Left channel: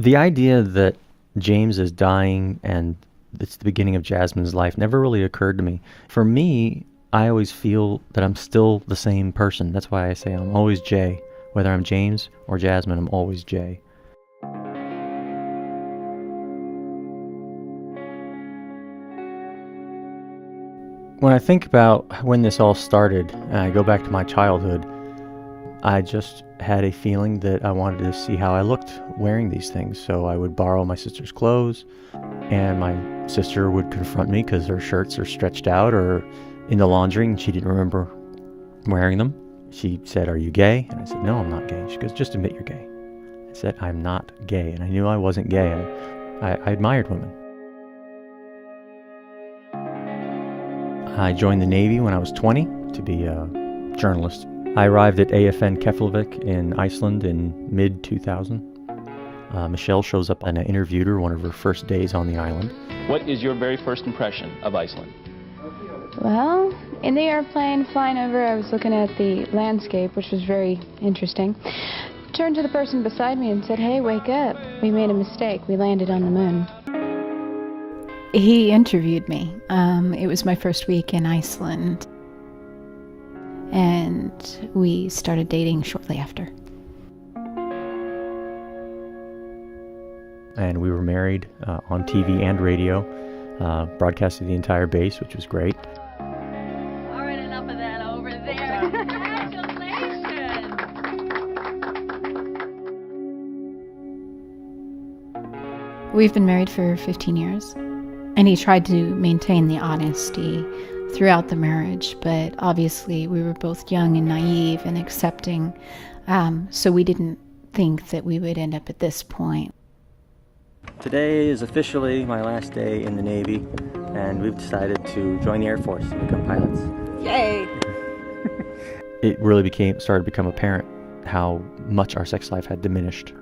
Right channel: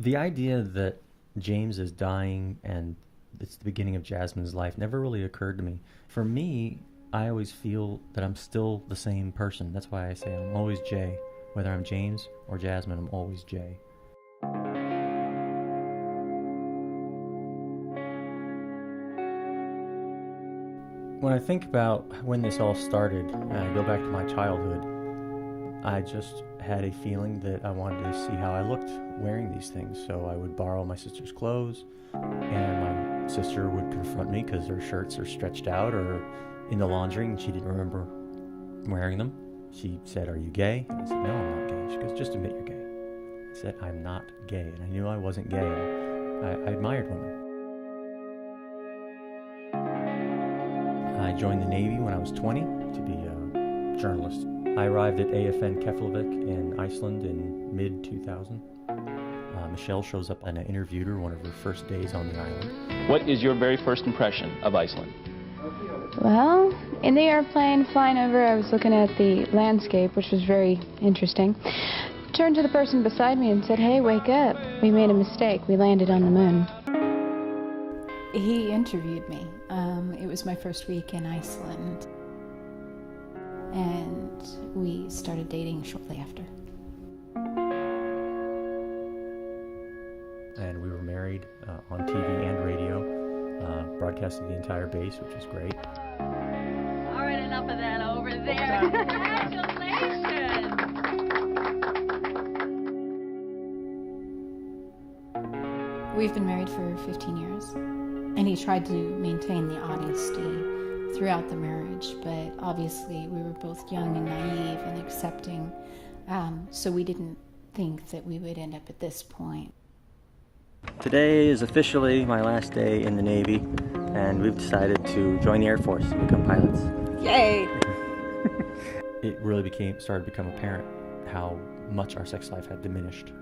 The idea that James is dying and it's the beginning of Jasmine's life never really occurred to me. For me, I always feel that I'm still the same person. That's why I say I'm always Jay. Whether I'm James or Jasmine, I'm always Jay. When I think about when this all started, and I go back to my childhood, I just had a feeling that I wanted to see how I looked wearing these things. So I would borrow my sister's clothes, and my sister would confront me because her shirts are stretched out or in the laundry and she didn't remember wearing them. She said, "Are you gay?" And I said, "No, I'm not gay." She goes, "Just admit you're gay." I said, "I'm not gay." And I knew I wasn't gay. I admired women. I joined the Navy when I was 20 to be a journalist. I arrived at AFN Keflavik in Iceland in mid-2000. Michelle shows up and I interviewed her one of her first days on the island. What is your very first impression of Iceland? Well, in the airplane flying over, I was looking at the landscape, which was very interesting. Turned to the person beside me and said, "Hey, wake up. We made a mistake. We landed on the moon." He interviewed me. It was my first week in Iceland. And we started dating shortly after. And we were married on TV and radio, broadcasted the entire base, which was great. All right, enough of that over there. Congratulations! We've been married for 15 years. And he tried to maintain the honesty throughout the marriage, but obviously we were both young and naive and accepting, so we didn't think that we would end up at this point. Today is officially my last day in the Navy, and we've decided to join the Air Force and become pilots. Yay! It really started to become apparent how much our sex life had diminished.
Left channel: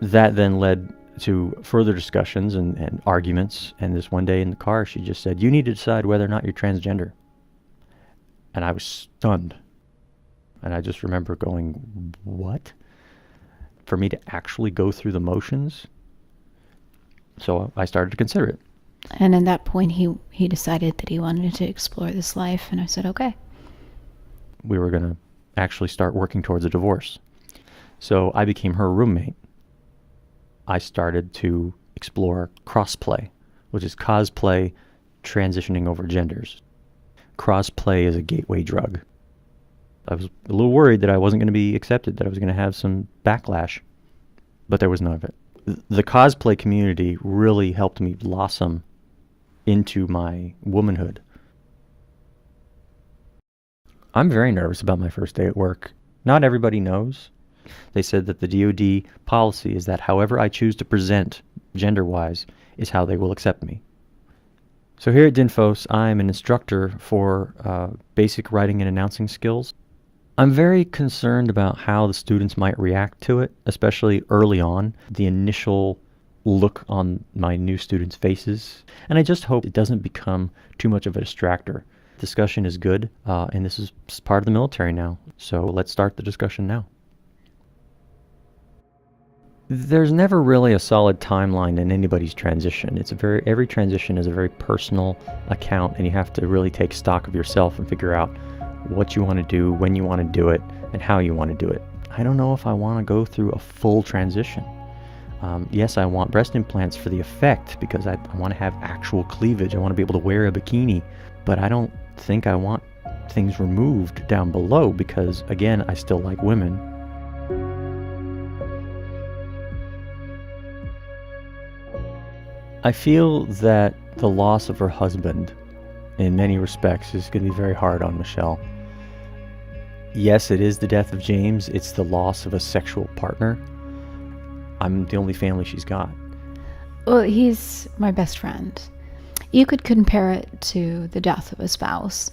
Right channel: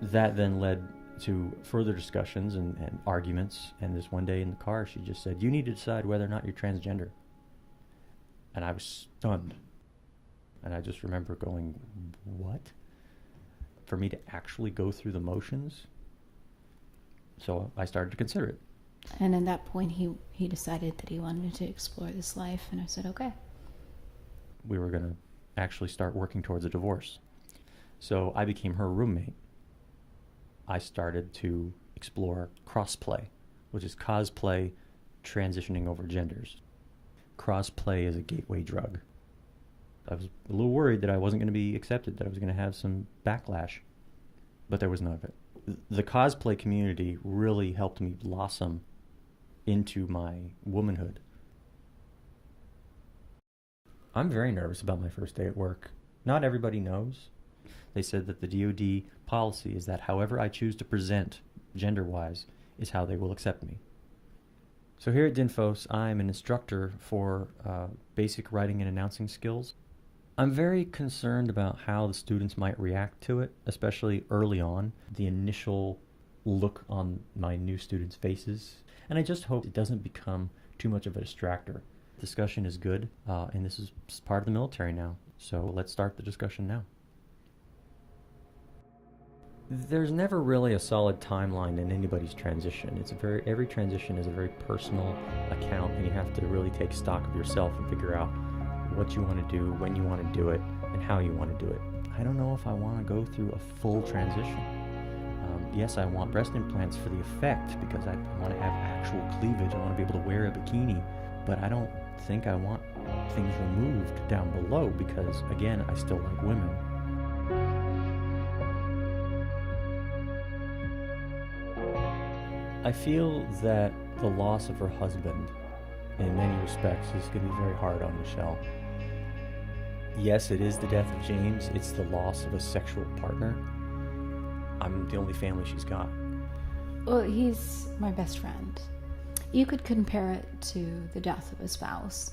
That then led to further discussions and arguments, and this one day in the car she just said, "You need to decide whether or not you're transgender." And I was stunned. And I just remember going, what? For me to actually go through the motions? So I started to consider it. And at that point he decided that he wanted to explore this life, and I said, okay. We were going to actually start working towards a divorce. So I became her roommate. I started to explore crossplay, which is cosplay transitioning over genders. Crossplay is a gateway drug. I was a little worried that I wasn't going to be accepted, that I was going to have some backlash, but there was none of it. The cosplay community really helped me blossom into my womanhood. I'm very nervous about my first day at work. Not everybody knows. They said that the DoD policy is that however I choose to present gender-wise is how they will accept me. So here at Dinfos, I'm an instructor for basic writing and announcing skills. I'm very concerned about how the students might react to it, especially early on, the initial look on my new students' faces. And I just hope it doesn't become too much of a distractor. Discussion is good, and this is part of the military now. So let's start the discussion now. There's never really a solid timeline in anybody's transition. Every transition is a very personal account, and you have to really take stock of yourself and figure out what you want to do, when you want to do it, and how you want to do it. I don't know if I want to go through a full transition. Yes, I want breast implants for the effect because I want to have actual cleavage. I want to be able to wear a bikini, but I don't think I want things removed down below because, again, I still like women. I feel that the loss of her husband, in many respects, is going to be very hard on Michelle. Yes, it is the death of James. It's the loss of a sexual partner. I'm the only family she's got. Well, he's my best friend. You could compare it to the death of a spouse.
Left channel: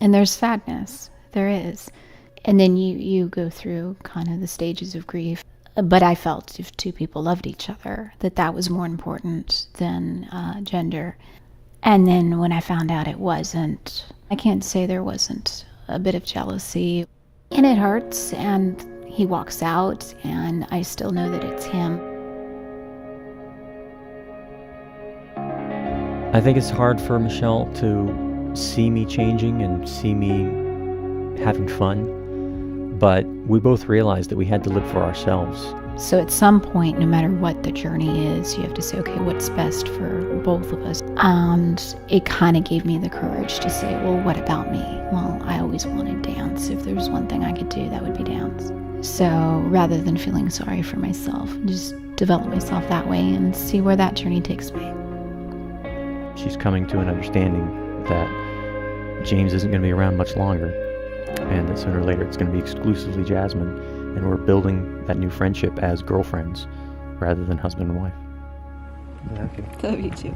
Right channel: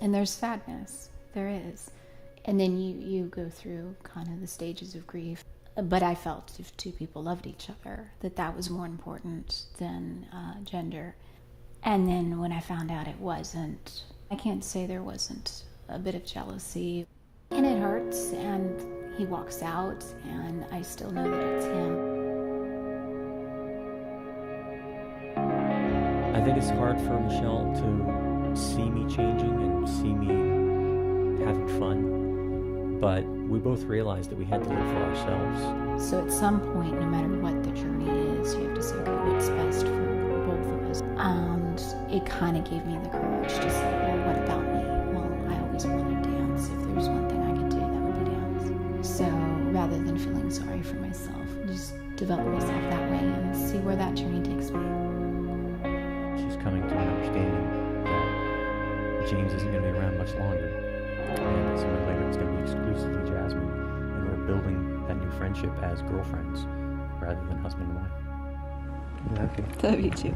And there's sadness. There is. And then you go through kind of the stages of grief. But I felt if two people loved each other, that was more important than gender. And then when I found out it wasn't, I can't say there wasn't a bit of jealousy. And it hurts, and he walks out, and I still know that it's him. I think it's hard for Michelle to see me changing and see me having fun, but we both realized that we had to live for ourselves. So at some point, no matter what the journey is, you have to say, okay, what's best for both of us? And it kind of gave me the courage to say, well, what about me? Well, I always wanted dance. If there's one thing I could do, that would be dance. So rather than feeling sorry for myself, just develop myself that way and see where that journey takes me. She's coming to an understanding that James isn't going to be around much longer, and that sooner or later it's going to be exclusively Jazmine, and we're building that new friendship as girlfriends rather than husband and wife. Love you. Love you too.